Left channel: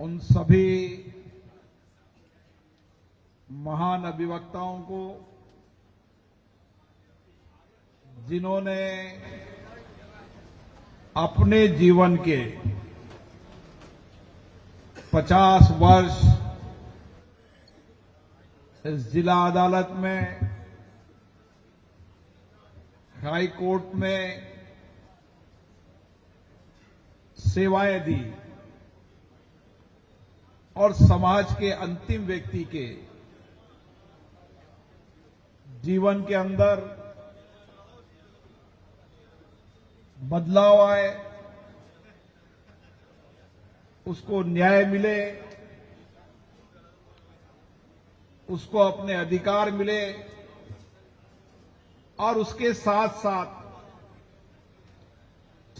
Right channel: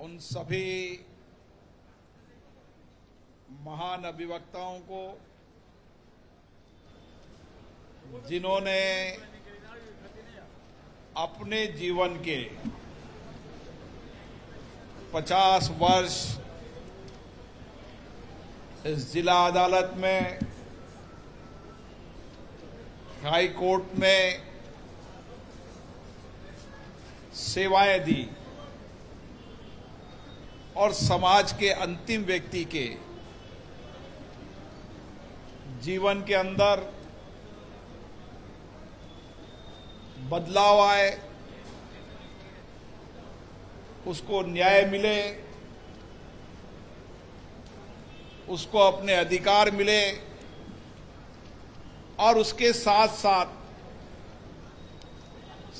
उन सभी महान अभिवक्ताओं को जिन्होंने अपने जीवन के 50 वर्ष इस जिला अदालत में, हाई कोर्ट में सेवाएं दी और समाज के अंतिम व्यक्ति के जीवन के अंदर बदलाव आए, उसको न्याय मिले, उसको अपने अधिकार मिले और उसके साथ साथ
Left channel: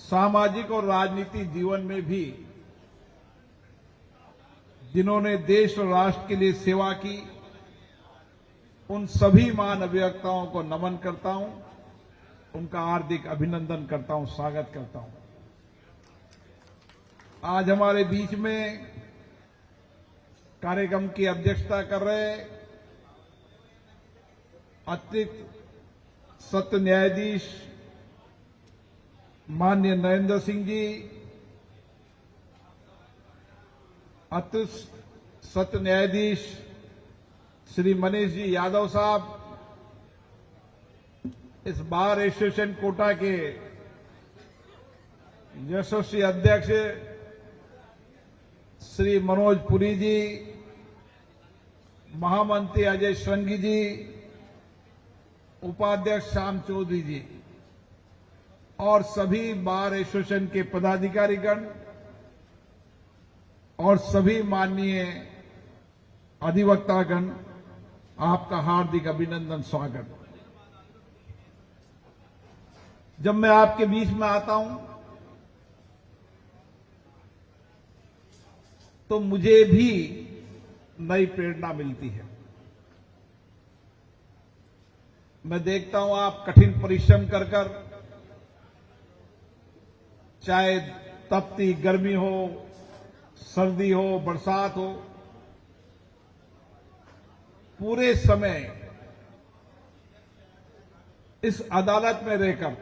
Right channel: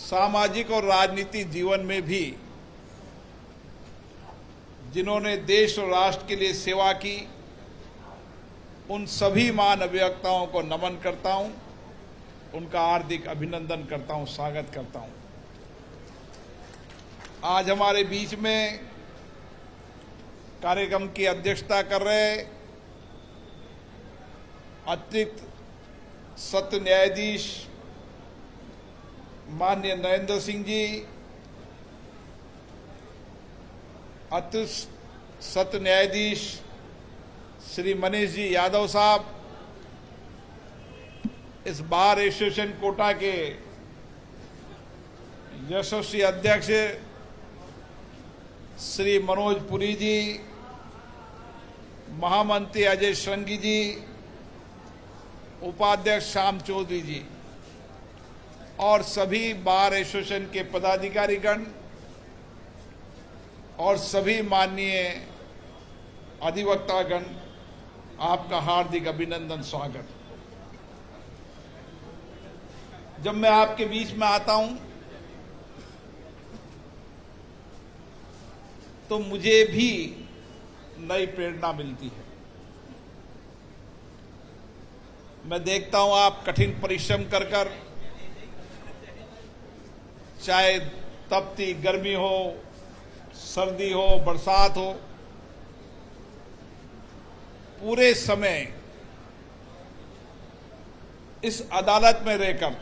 सामाजिक और राजनीतिक जीवन में भी जिन्होंने देश और राष्ट्र के लिए सेवा की, उन सभी महान अभिवक्ताओं को नमन करता हूं, उनका हार्दिक अभिनंदन करता हूं, स्वागत करता हूं। आज हमारे बीच में कार्यक्रम की अध्यक्षता कर रहे अतिरिक्त सत्र न्यायाधीश माननीय नरेंद्र सिंह जी, अतिरिक्त सत्र न्यायाधीश श्री मनीष जी यादव साहब, इस बार एसोसिएशन कोटा के यशस्वी अध्यक्ष श्री मनोज पुरी जी, महामंत्री अजय श्रृंगी जी, उपाध्यक्ष श्याम चौधरी जी और सभी बार एसोसिएशन के पदाधिकारीगण और सभी माननीय अधिवक्तागण, आपका हार्दिक अभिनंदन, स्वागत। जब मैं आपके बीच में आता हूं तो मुझे भी नई प्रेरणा मिलती है। मैं देखता हूं आप कठिन परिश्रम कर कर, चाहे तपती गर्मी हो, सर्दी हो, बरसात हो, पूरे समय इस अदालत में रहकर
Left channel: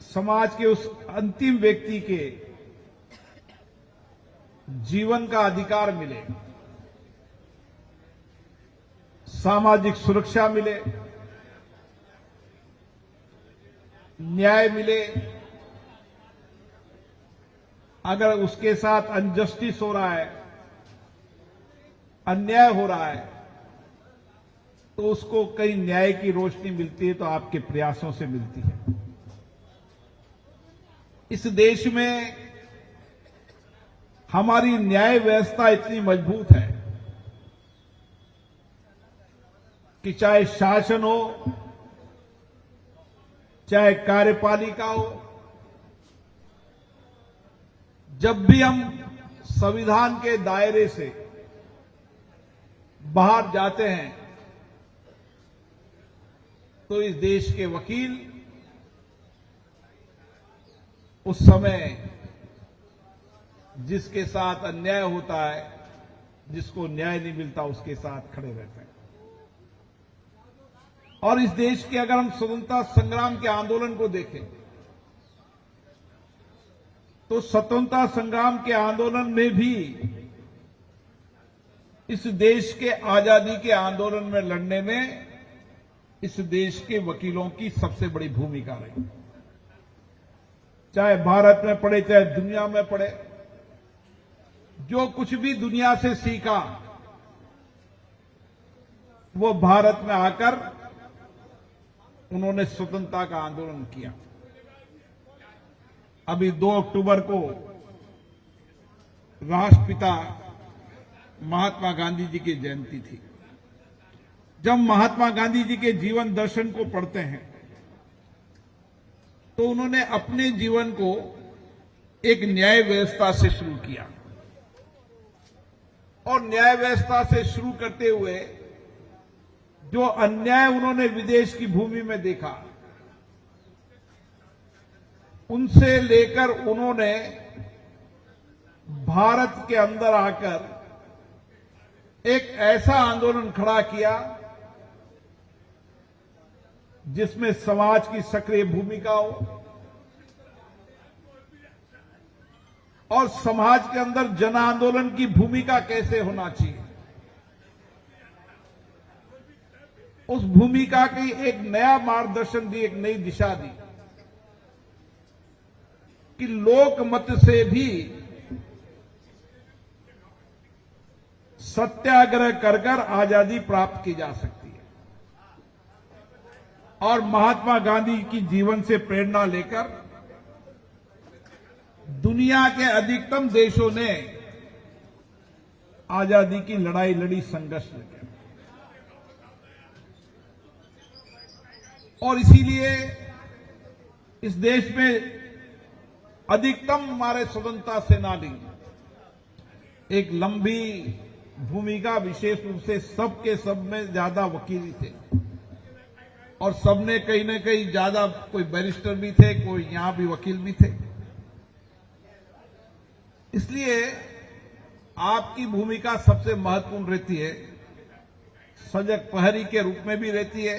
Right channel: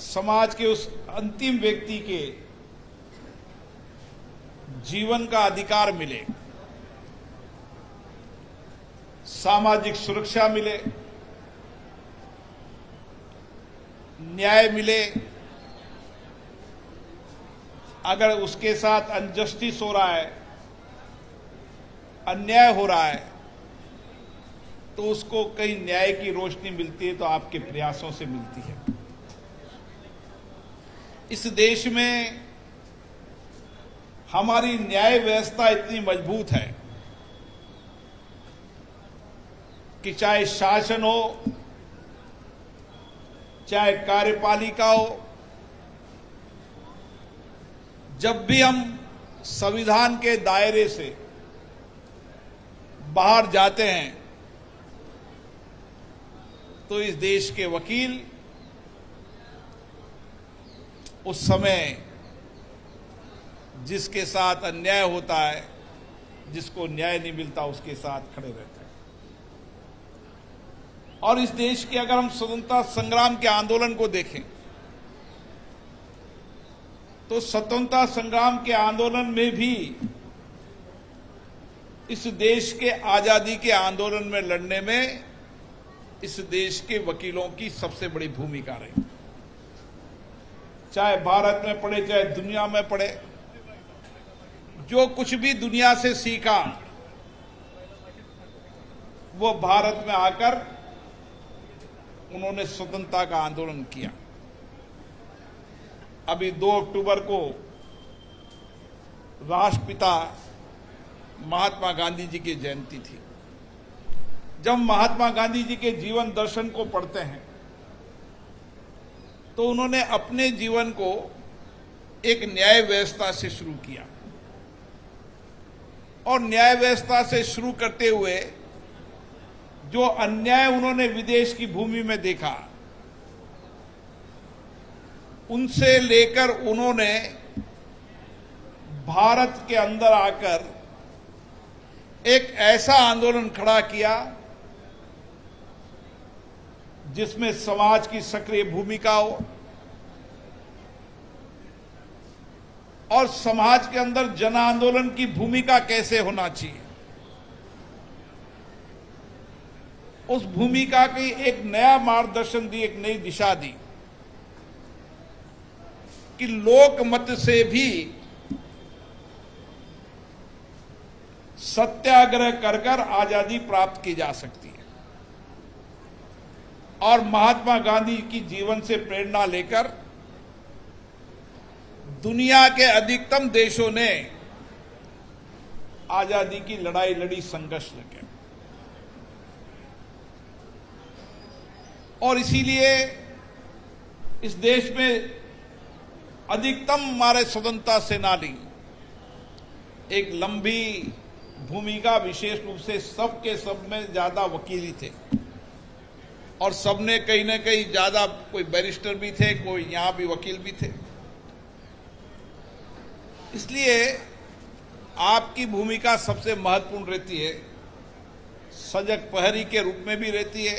समाज के उस अंतिम व्यक्ति के जीवन का अधिकार मिले, सामाजिक सुरक्षा मिले, न्याय मिले। अगर उसके साथ अनजस्टिस हो रहा है, अन्याय हो रहा है, तो उसको कहीं न्याय की रोशनी मिलती है तो आपके प्रयासों से मिलती है। इस देश में हमारी न्याय व्यवस्था इतनी मजबूत है कि चाहे शासन हो, चाहे कार्यपालिका हो, जब भी हम संविधान के दायरे से बाहर जाते हैं तो इस देश के वकील उस समय जिसके साथ अन्याय होता है, जिसको न्याय नहीं मिलता, उसके साथ खड़े रहते हैं। और इस देश के अगर हम स्वतंत्रता संग्राम के आंदोलन को देखें तो स्वतंत्रता संग्राम के आंदोलन में भी इस देश के आजादी के आंदोलन में लड़ने में इस देश के वकीलों की सबसे बड़ी भूमिका रही। चाहे भारत में पढ़े, चाहे दुनिया में पढ़े, जो कुछ भी दुनिया से सीखा वो भारत में आकर उन्होंने स्वतंत्रता का आंदोलन किया। अभी 2 अक्टूबर को राष्ट्रपिता महात्मा गांधी जी की जयंती थी। जब महात्मा गांधी जी के जीवन दर्शन को पढ़ते हैं तो उन्होंने अपने जीवन को एक न्याय व्यवस्था से शुरू किया और न्याय व्यवस्था से शुरू करते हुए जो अन्याय उन्होंने विदेश की भूमि में देखा, उनसे लेकर उन्होंने भारत के अंदर आकर एक ऐसा आंदोलन खड़ा किया जिसमें समाज की सक्रिय भूमिका हो और समाज के अंदर जन आंदोलन की भूमिका कैसे होना चाहिए, उस भूमिका की एक नया मार्गदर्शन दी, एक नई दिशा दी कि लोकमत से भी सत्याग्रह कर कर आजादी प्राप्त की जा सकती है। और महात्मा गांधी की जीवन से प्रेरणा लेकर दुनिया के अधिकतम देशों ने आजादी की लड़ाई लड़ी, संघर्ष लगे। और इसीलिए इस देश में अधिकतम हमारे स्वतंत्रता सेनानी एक लंबी भूमिका, विशेष रूप से सबके सब में ज्यादा वकील थे और सबने कहीं ना कहीं ज्यादा, कोई बैरिस्टर भी थे, कोई यहां भी वकील भी थे। इसलिए आपकी भूमिका सबसे महत्वपूर्ण रहती है, सजग प्रहरी के रूप में भी रहती है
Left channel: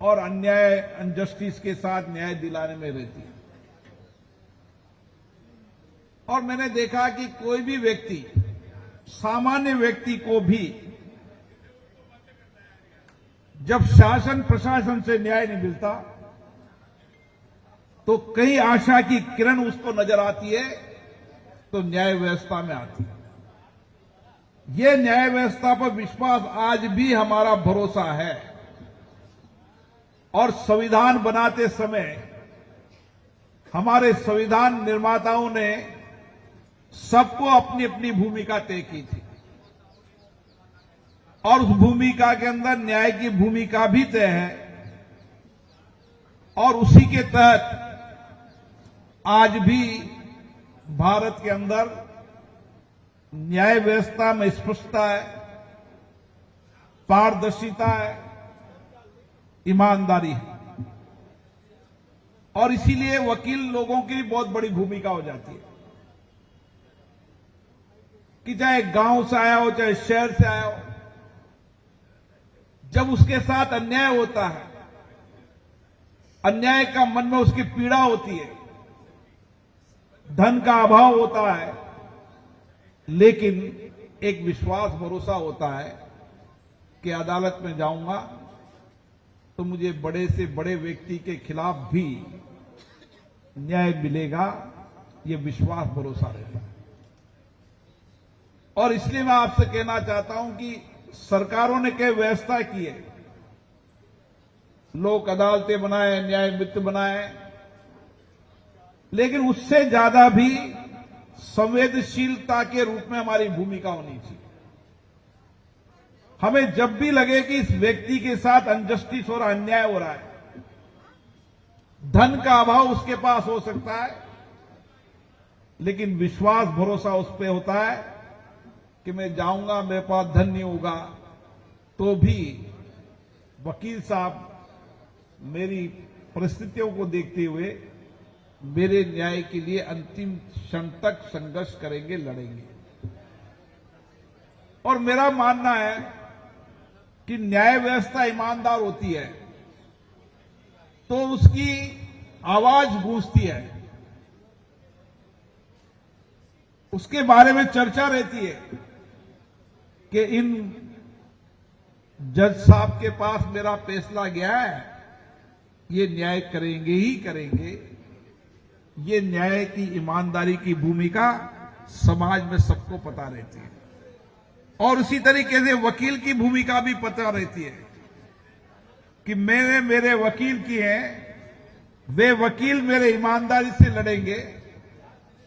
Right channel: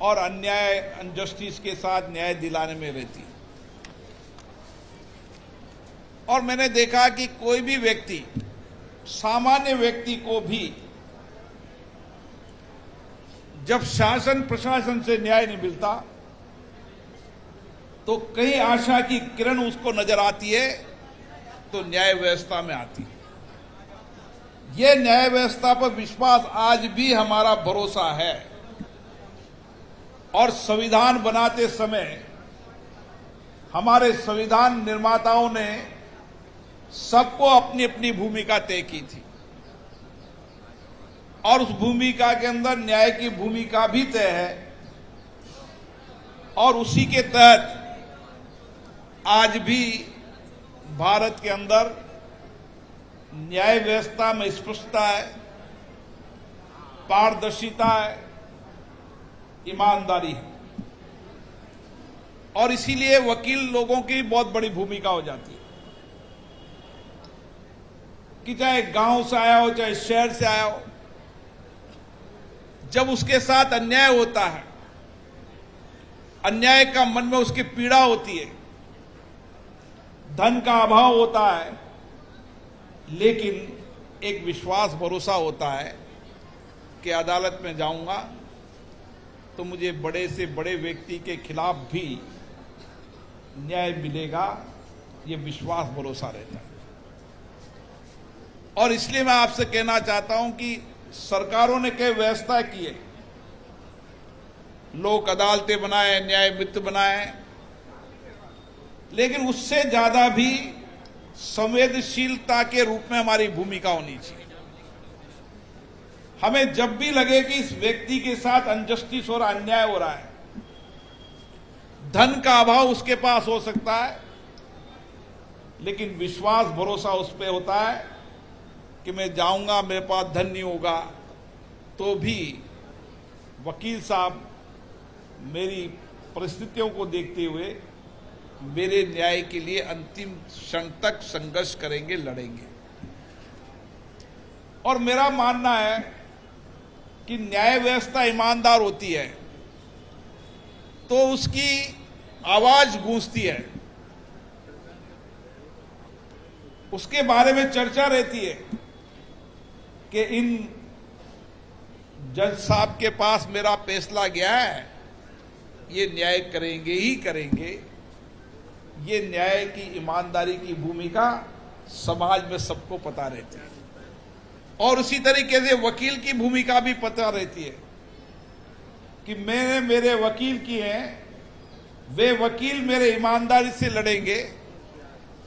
और अन्याय, अनजस्टिस के साथ न्याय दिलाने में रहती है। और मैंने देखा कि कोई भी व्यक्ति, सामान्य व्यक्ति को भी जब शासन प्रशासन से न्याय नहीं मिलता तो कई आशा की किरण उसको नजर आती है, तो न्याय व्यवस्था में आती है। यह न्याय व्यवस्था पर विश्वास आज भी हमारा भरोसा है और संविधान बनाते समय हमारे संविधान निर्माताओं ने सबको अपनी अपनी भूमिका तय की थी और उस भूमिका के अंदर न्याय की भूमिका भी तय है और उसी के तहत आज भी भारत के अंदर न्याय व्यवस्था में स्पष्टता है, पारदर्शिता है, ईमानदारी है। और इसीलिए वकील लोगों की बहुत बड़ी भूमिका हो जाती है कि चाहे गांव से आया हो, चाहे शहर से आया हो, जब उसके साथ अन्याय होता है, अन्याय का मन में उसकी पीड़ा होती है, धन का अभाव होता है, लेकिन एक विश्वास, भरोसा होता है कि अदालत में जाऊंगा तो मुझे बड़े से बड़े व्यक्ति के खिलाफ भी न्याय मिलेगा, ये विश्वास, भरोसा रहता है। और इसलिए मैं आपसे कहना चाहता हूं कि सरकारों ने कई व्यवस्था की है, लोक अदालतें बनाए, न्याय मित्र बनाए, लेकिन उससे ज्यादा भी संवेदनशीलता के रूप में हमारी भूमिका होनी चाहिए। हमें जब भी लगे कि इस व्यक्ति के साथ अनजस्टिस और अन्याय हो रहा है, धन का अभाव उसके पास हो सकता है, लेकिन विश्वास, भरोसा उस पर होता है कि मैं जाऊंगा, मेरे पास धन नहीं होगा तो भी वकील साहब मेरी परिस्थितियों को देखते हुए मेरे न्याय के लिए अंतिम क्षण तक संघर्ष करेंगे, लड़ेंगे। और मेरा मानना है कि न्याय व्यवस्था ईमानदार होती है तो उसकी आवाज गूंजती है, उसके बारे में चर्चा रहती है कि इन जज साहब के पास मेरा फैसला गया है, ये न्याय करेंगे ही करेंगे। ये न्याय की, ईमानदारी की भूमिका समाज में सबको पता रहती है और उसी तरीके से वकील की भूमिका भी पता रहती है कि मैंने मेरे वकील किए हैं, वे वकील मेरे ईमानदारी से लड़ेंगे,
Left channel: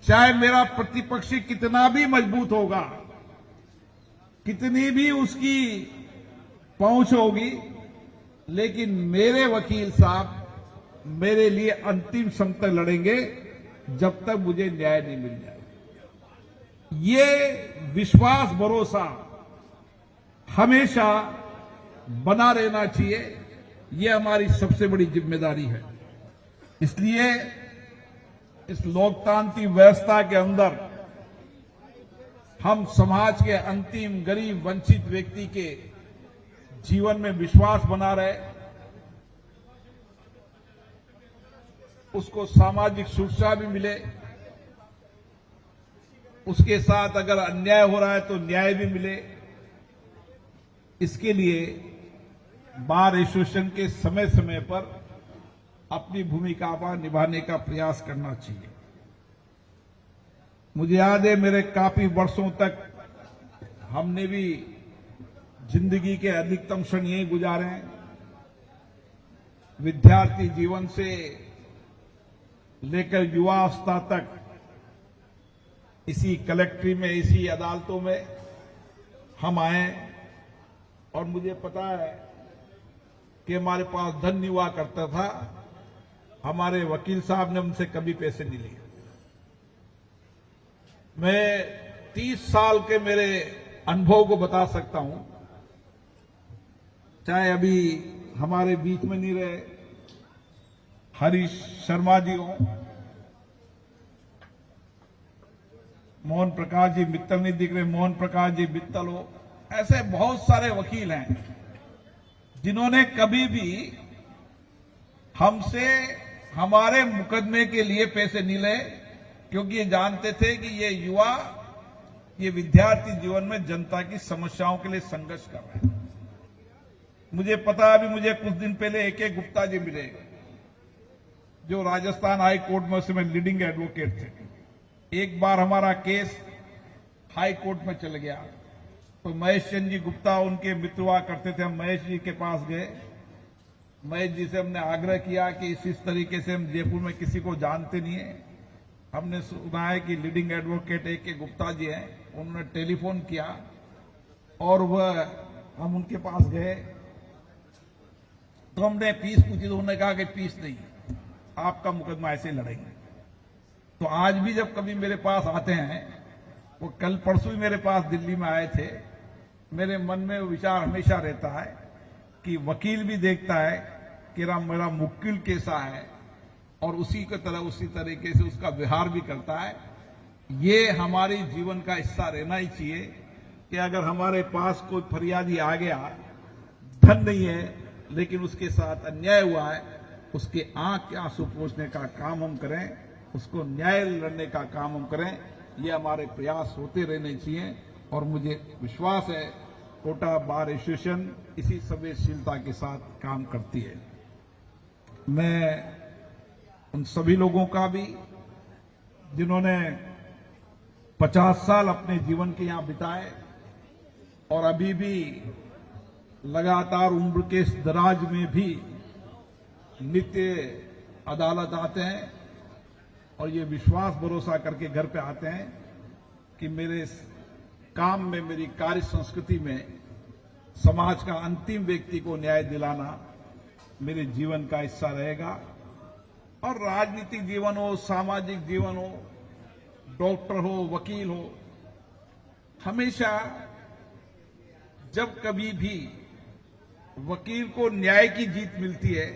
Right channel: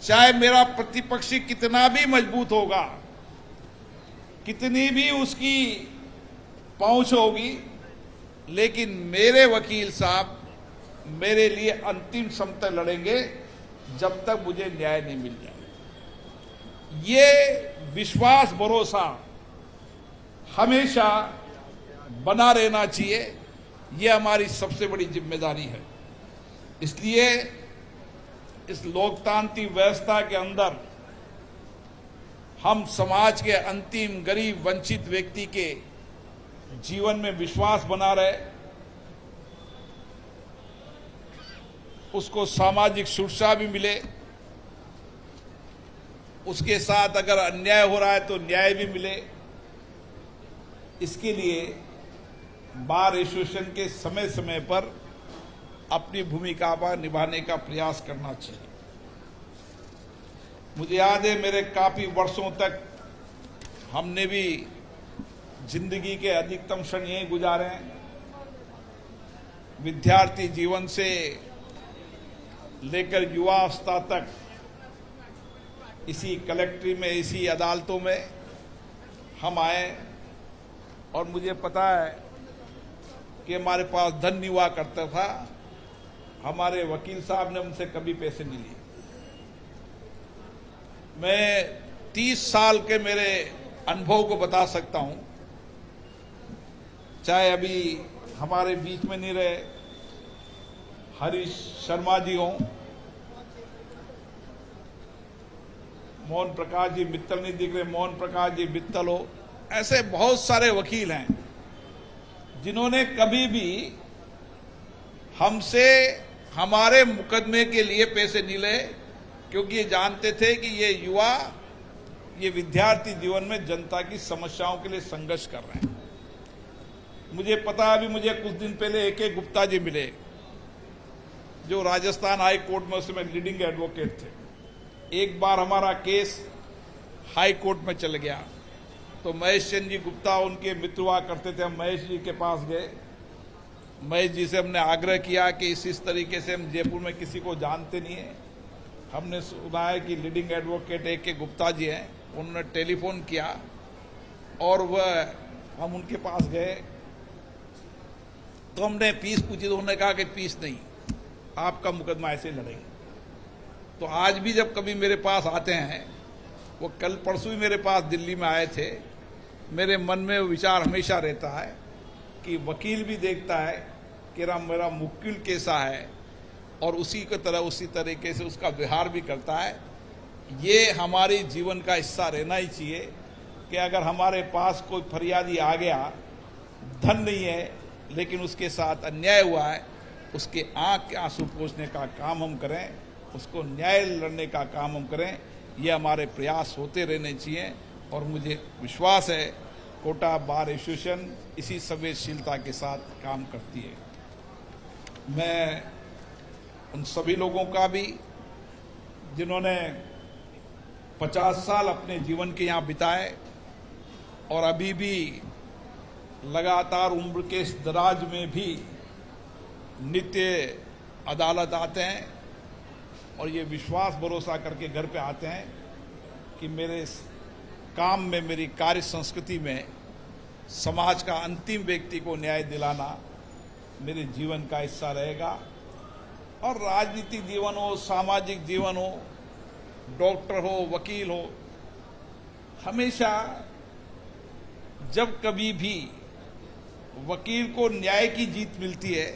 चाहे मेरा प्रतिपक्षी कितना भी मजबूत होगा, कितनी भी उसकी पहुंच होगी, लेकिन मेरे वकील साहब मेरे लिए अंतिम समय तक लड़ेंगे जब तक मुझे न्याय नहीं मिल जाए। ये विश्वास, भरोसा हमेशा बना रहना चाहिए, ये हमारी सबसे बड़ी जिम्मेदारी है। इसलिए इस लोकतांत्रिक व्यवस्था के अंदर हम समाज के अंतिम गरीब वंचित व्यक्ति के जीवन में विश्वास बना रहे, उसको सामाजिक सुरक्षा भी मिले, उसके साथ अगर अन्याय हो रहा है तो न्याय भी मिले। इसके लिए बार एसोसिएशन के समय समय पर अपनी भूमिका पर निभाने का प्रयास करना चाहिए। मुझे याद है, मेरे काफी वर्षों तक हमने भी जिंदगी के अधिकतम क्षण यही गुजारे हैं। विद्यार्थी जीवन से लेकर युवावस्था तक इसी कलेक्ट्री में, इसी अदालतों में हम आए, और मुझे पता है कि हमारे पास धन नहीं हुआ करता था। हमारे वकील साहब ने हमसे कभी पैसे नहीं लिए। मैं 30 साल के मेरे अनुभव को बता सकता हूं, चाहे अभी हमारे बीच में नहीं रहे हरीश शर्मा जी हो, मोहन प्रकाश जी मित्तल नहीं दिख रहे, मोहन प्रकाश जी मित्तल हो, ऐसे बहुत सारे वकील हैं जिन्होंने कभी भी हमसे हमारे मुकदमे के लिए पैसे नहीं लिए, क्योंकि ये जानते थे कि ये युवा, ये विद्यार्थी जीवन में जनता की समस्याओं के लिए संघर्ष कर रहे हैं। मुझे पता, अभी मुझे कुछ दिन पहले AK गुप्ता जी मिले, जो राजस्थान हाई कोर्ट में उसमें लीडिंग एडवोकेट थे। एक बार हमारा केस हाई कोर्ट में चल गया तो महेश चंद्र जी गुप्ता उनके मित्र हुआ करते थे। हम महेश जी के पास गए, महेश जी से हमने आग्रह किया कि इस तरीके से हम जयपुर में किसी को जानते नहीं है, हमने सुना है कि leading advocate AK Gupta ji हैं। उन्होंने टेलीफोन किया और हम उनके पास गए तो हमने फीस पूछी, तो उन्होंने कहा कि फीस नहीं, आपका मुकदमा ऐसे ही लड़ेंगे। तो आज भी जब कभी मेरे पास आते हैं, वो कल परसों ही मेरे पास दिल्ली में आए थे, मेरे मन में विचार हमेशा रहता है कि वकील भी देखता है कि मेरा मुक्किल कैसा है, और उसी की तरह उसी तरीके से उसका व्यवहार भी करता है। ये हमारे जीवन का हिस्सा रहना ही चाहिए कि अगर हमारे पास कोई फरियादी आ गया, धन नहीं है लेकिन उसके साथ अन्याय हुआ है, उसके आंख के आंसू पोंछने का काम हम करें, उसको न्याय लड़ने का काम हम करें। ये हमारे प्रयास होते रहने चाहिए, और मुझे विश्वास है कोटा बार एसोसिएशन इसी संवेदनशीलता के साथ काम करती है। मैं उन सभी लोगों का भी जिन्होंने 50 साल अपने जीवन के यहाँ बिताए और अभी भी लगातार उम्र के इस दराज में भी नित्य अदालत आते हैं और ये विश्वास भरोसा करके घर पे आते हैं कि मेरे काम में, मेरी कार्य संस्कृति में समाज का अंतिम व्यक्ति को न्याय दिलाना मेरे जीवन का हिस्सा रहेगा। और राजनीतिक जीवन हो, सामाजिक जीवन हो, डॉक्टर हो, वकील हो, हमेशा जब कभी भी वकील को न्याय की जीत मिलती है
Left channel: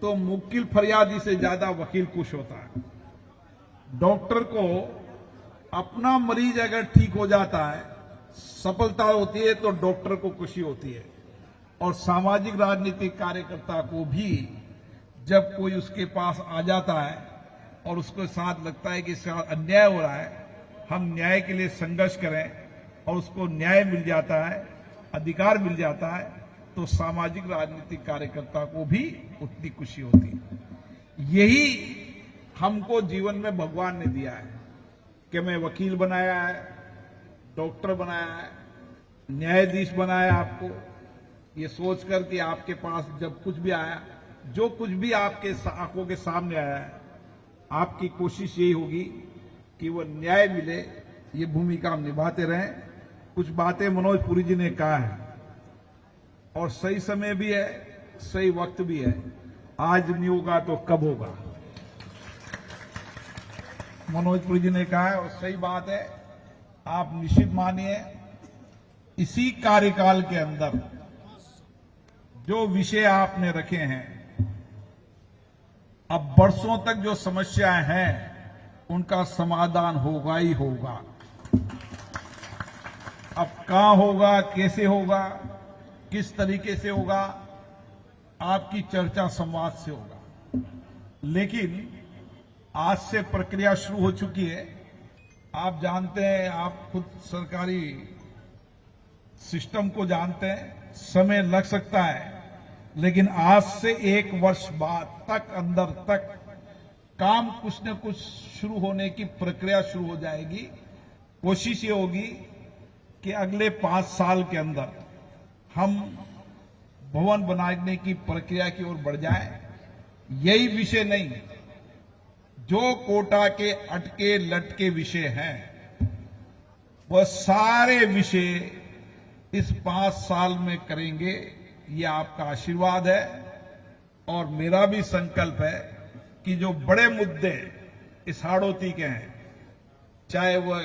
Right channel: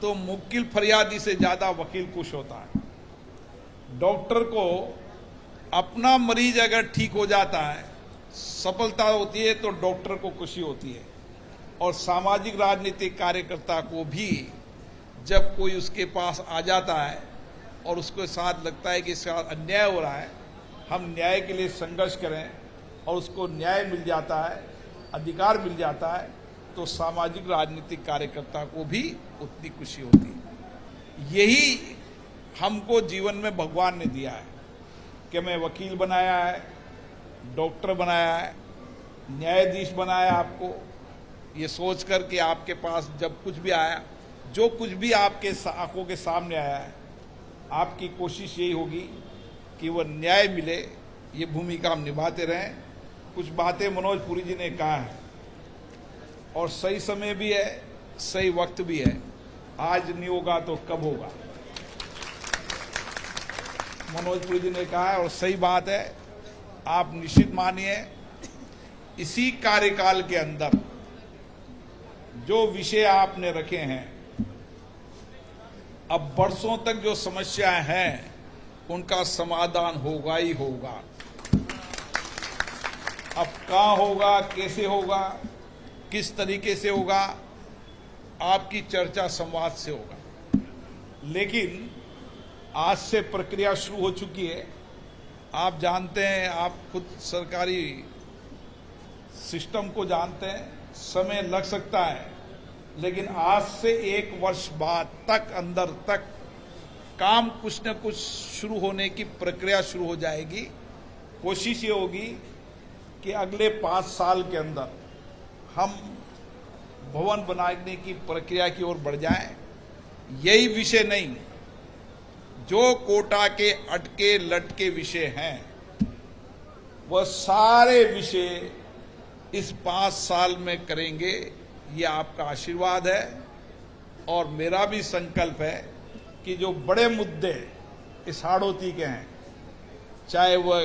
तो मुक्किल फरियादी से ज्यादा वकील खुश होता है। डॉक्टर को अपना मरीज अगर ठीक हो जाता है, सफलता होती है, तो डॉक्टर को खुशी होती है। और सामाजिक राजनीतिक कार्यकर्ता को भी जब कोई उसके पास आ जाता है और उसके साथ लगता है कि इसका अन्याय हो रहा है, हम न्याय के लिए संघर्ष करें और उसको न्याय मिल जाता है, अधिकार मिल जाता है, तो सामाजिक राजनीतिक कार्यकर्ता को भी उतनी खुशी होती है। यही हमको जीवन में भगवान ने दिया है कि मैं वकील बनाया है, डॉक्टर बनाया है, न्यायाधीश बनाया आपको, ये सोचकर कि आपके पास जब कुछ भी आया, जो कुछ भी आपके आंखों के सामने आया है, आपकी कोशिश यही होगी कि वो न्याय मिले। ये भूमिका हम निभाते रहें। कुछ बातें मनोज पुरी जी ने कहा है और सही समय भी है, सही वक्त भी है। आज नहीं होगा तो कब होगा, मनोज पुरी जी ने कहा है और सही बात है। आप निश्चित मानिए, इसी कार्यकाल के अंदर जो विषय आपने रखे हैं, अब वर्षों तक जो समस्याएं हैं उनका समाधान होगा ही होगा। अब कहाँ होगा, कैसे होगा, किस तरीके से होगा, आपकी चर्चा संवाद से होगा। लेकिन आज से प्रक्रिया शुरू हो चुकी है। आप जानते हैं, आप खुद सरकारी सिस्टम को जानते हैं, समय लग सकता है, लेकिन आज से 1 वर्ष बाद तक अंदर तक काम कुछ न कुछ शुरू होने की प्रक्रिया शुरू हो जाएगी। कोशिश ये होगी कि अगले 5 साल के अंदर हम भवन बनाने की प्रक्रिया की ओर बढ़ जाएं। यही विषय नहीं, जो कोटा के अटके लटके विषय हैं, वह सारे विषय इस 5 साल में करेंगे। ये आपका आशीर्वाद है और मेरा भी संकल्प है कि जो बड़े मुद्दे इस हाड़ौती के हैं, चाहे वह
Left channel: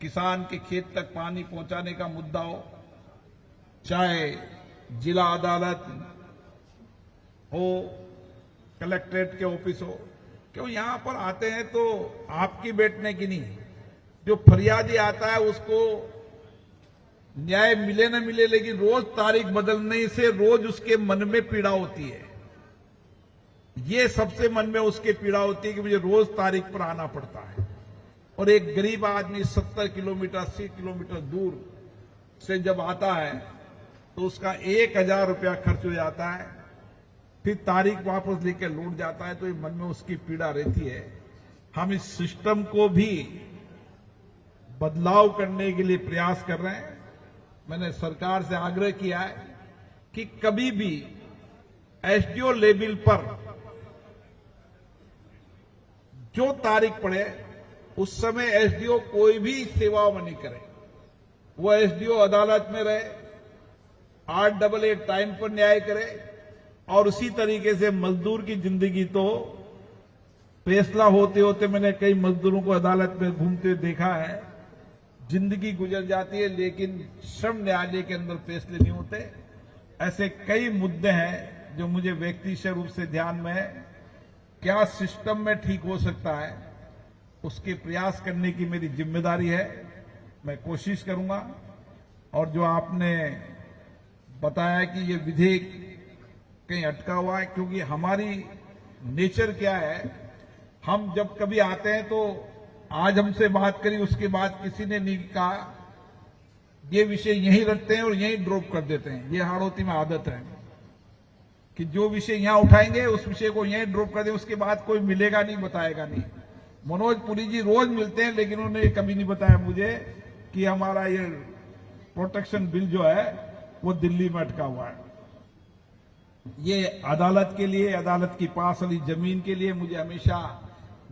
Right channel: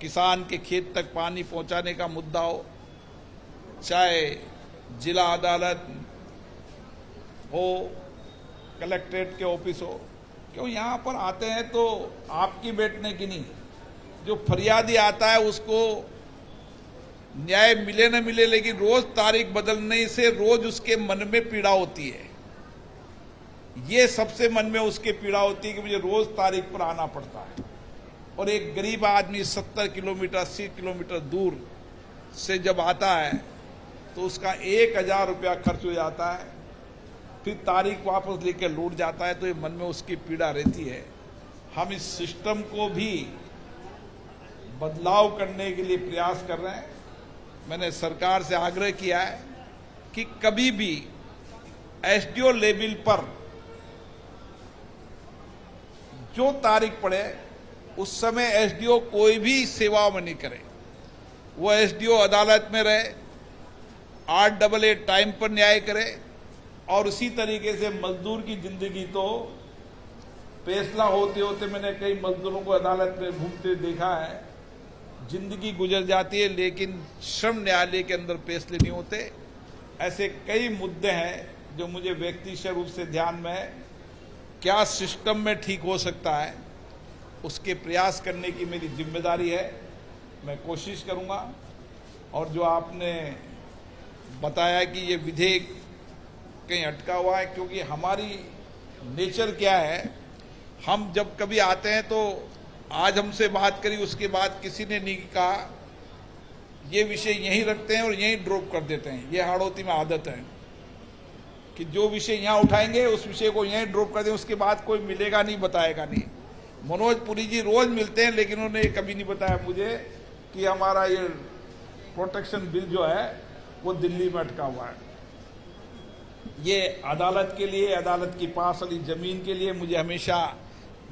किसान के खेत तक पानी पहुंचाने का मुद्दा हो, चाहे जिला अदालत हो, कलेक्ट्रेट के ऑफिस हो, क्यों यहां पर आते हैं तो आपकी बैठने की नहीं, जो फरियादी आता है उसको न्याय मिले न मिले, लेकिन रोज तारीख बदलने से रोज उसके मन में पीड़ा होती है। ये सबसे मन में उसके पीड़ा होती है कि मुझे रोज तारीख पर आना पड़ता है। और एक गरीब आदमी 70 किलोमीटर 80 किलोमीटर दूर से जब आता है तो उसका 1000 रुपया खर्च हो जाता है, फिर तारीख वापस लेकर लौट जाता है, तो ये मन में उसकी पीड़ा रहती है। हम इस सिस्टम को भी बदलाव करने के लिए प्रयास कर रहे हैं। मैंने सरकार से आग्रह किया है कि कभी भी एसडीओ लेवल पर जो तारीख पड़े उस समय एसडीओ कोई भी सेवा नहीं करे। वो एसडीओ अदालत में रहे, 888 टाइम पर न्याय करे, और उसी तरीके से मजदूर की जिंदगी तो फैसला होते होते मैंने कई मजदूरों को अदालत में घूमते देखा है, जिंदगी गुजर जाती है, लेकिन श्रम न्यायालय के अंदर फैसले नहीं होते। ऐसे कई मुद्दे हैं जो मुझे व्यक्तिगत रूप से ध्यान में है। क्या सिस्टम में ठीक हो सकता है, उसके प्रयास करने की मेरी जिम्मेदारी है। मैं कोशिश करूंगा। और जो आपने बताया कि ये विधेयक कहीं अटका हुआ है, क्योंकि हमारी नेचर क्या है, हम जब कभी आते हैं तो आज हमसे बात करी, उसके बाद किसी ने नहीं कहा, ये विषय यहीं रखते हैं और यहीं ड्रॉप कर देते हैं। ये हाड़ौती में आदत है कि जो विषय यहां उठाएंगे उस विषय को यहीं ड्रॉप कर दें, उसके बाद कोई मिलेगा नहीं, बताएगा नहीं। मनोज पुरी जी रोज मिलते हैं, लेकिन उन्होंने कभी नहीं बताया मुझे कि हमारा ये प्रोटेक्शन बिल जो है वो दिल्ली में अटका हुआ है। ये अदालत के लिए, अदालत की पास वाली जमीन के लिए मुझे हमेशा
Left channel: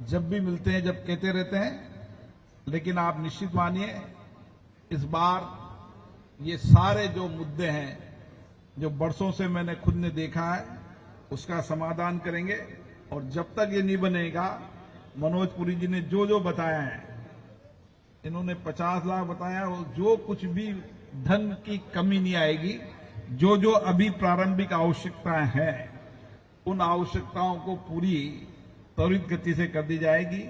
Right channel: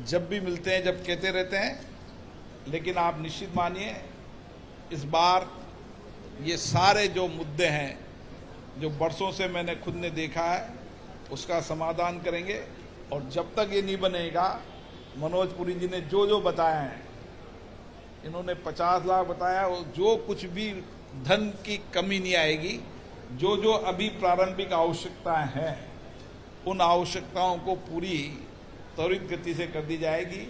जब भी मिलते हैं, जब कहते रहते हैं। लेकिन आप निश्चित मानिए, इस बार ये सारे जो मुद्दे हैं, जो बरसों से मैंने खुद ने देखा है, उसका समाधान करेंगे। और जब तक ये नहीं बनेगा, मनोज पुरी जी ने जो जो बताया है, इन्होंने 50 लाख बताया, जो कुछ भी धन की कमी नहीं आएगी। जो जो अभी प्रारंभिक आवश्यकताएं हैं, उन आवश्यकताओं को पूरी त्वरित गति से कर दी जाएगी।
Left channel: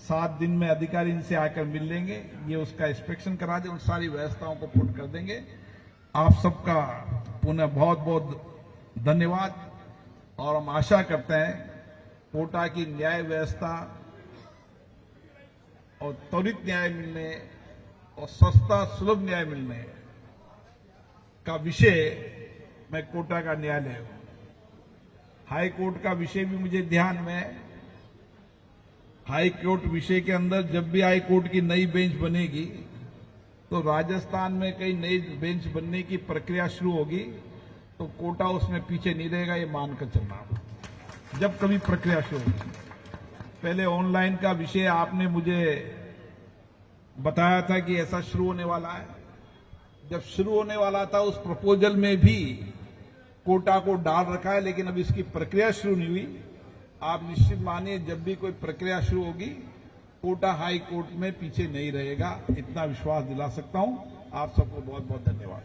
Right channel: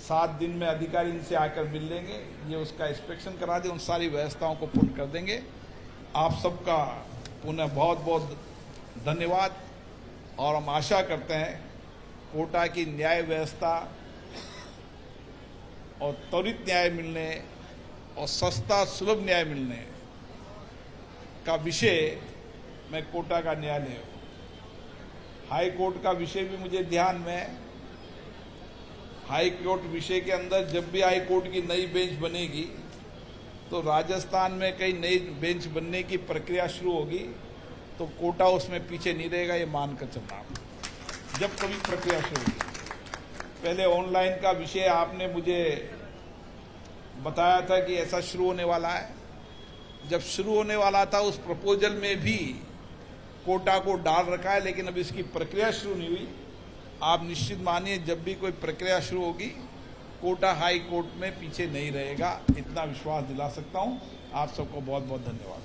7 दिन में अधिकारी इनसे आकर मिल लेंगे, ये उसका इंस्पेक्शन करा दे, उन सारी व्यवस्थाओं को पूर्ण कर देंगे। आप सबका पुनः बहुत बहुत धन्यवाद। और हम आशा करते हैं कोटा की न्याय व्यवस्था और त्वरित न्याय मिलने और सस्ता सुलभ न्याय मिलने का विषय में कोटा का न्यायालय, हाई कोर्ट का विषय भी मुझे ध्यान में है। हाई कोर्ट विषय के अंदर जब भी हाई कोर्ट की नई बेंच बनेगी तो राजस्थान में कई नई बेंच बनने की प्रक्रिया शुरू होगी, तो कोटा उसमें पीछे नहीं रहेगा, ये मानकर चलना। जब कभी प्रक्रिया शुरू होगी, पहले ऑनलाइन का विषय आपने मुझे बताया था कि ऐसा शुरू होने वाला है। जब शुरू होने वाला था, उस प्रपोजल में भी कोटा को डाल रखा है, लेकिन अब इसकी प्रक्रिया शुरू नहीं हुई। आप निश्चित मानिए, जब भी कोई प्रक्रिया शुरू होगी, कोटा हाई कोर्ट में पीछे नहीं रहेगा, इतना विश्वास दिला सकता हूं। आप सबको बहुत बहुत धन्यवाद।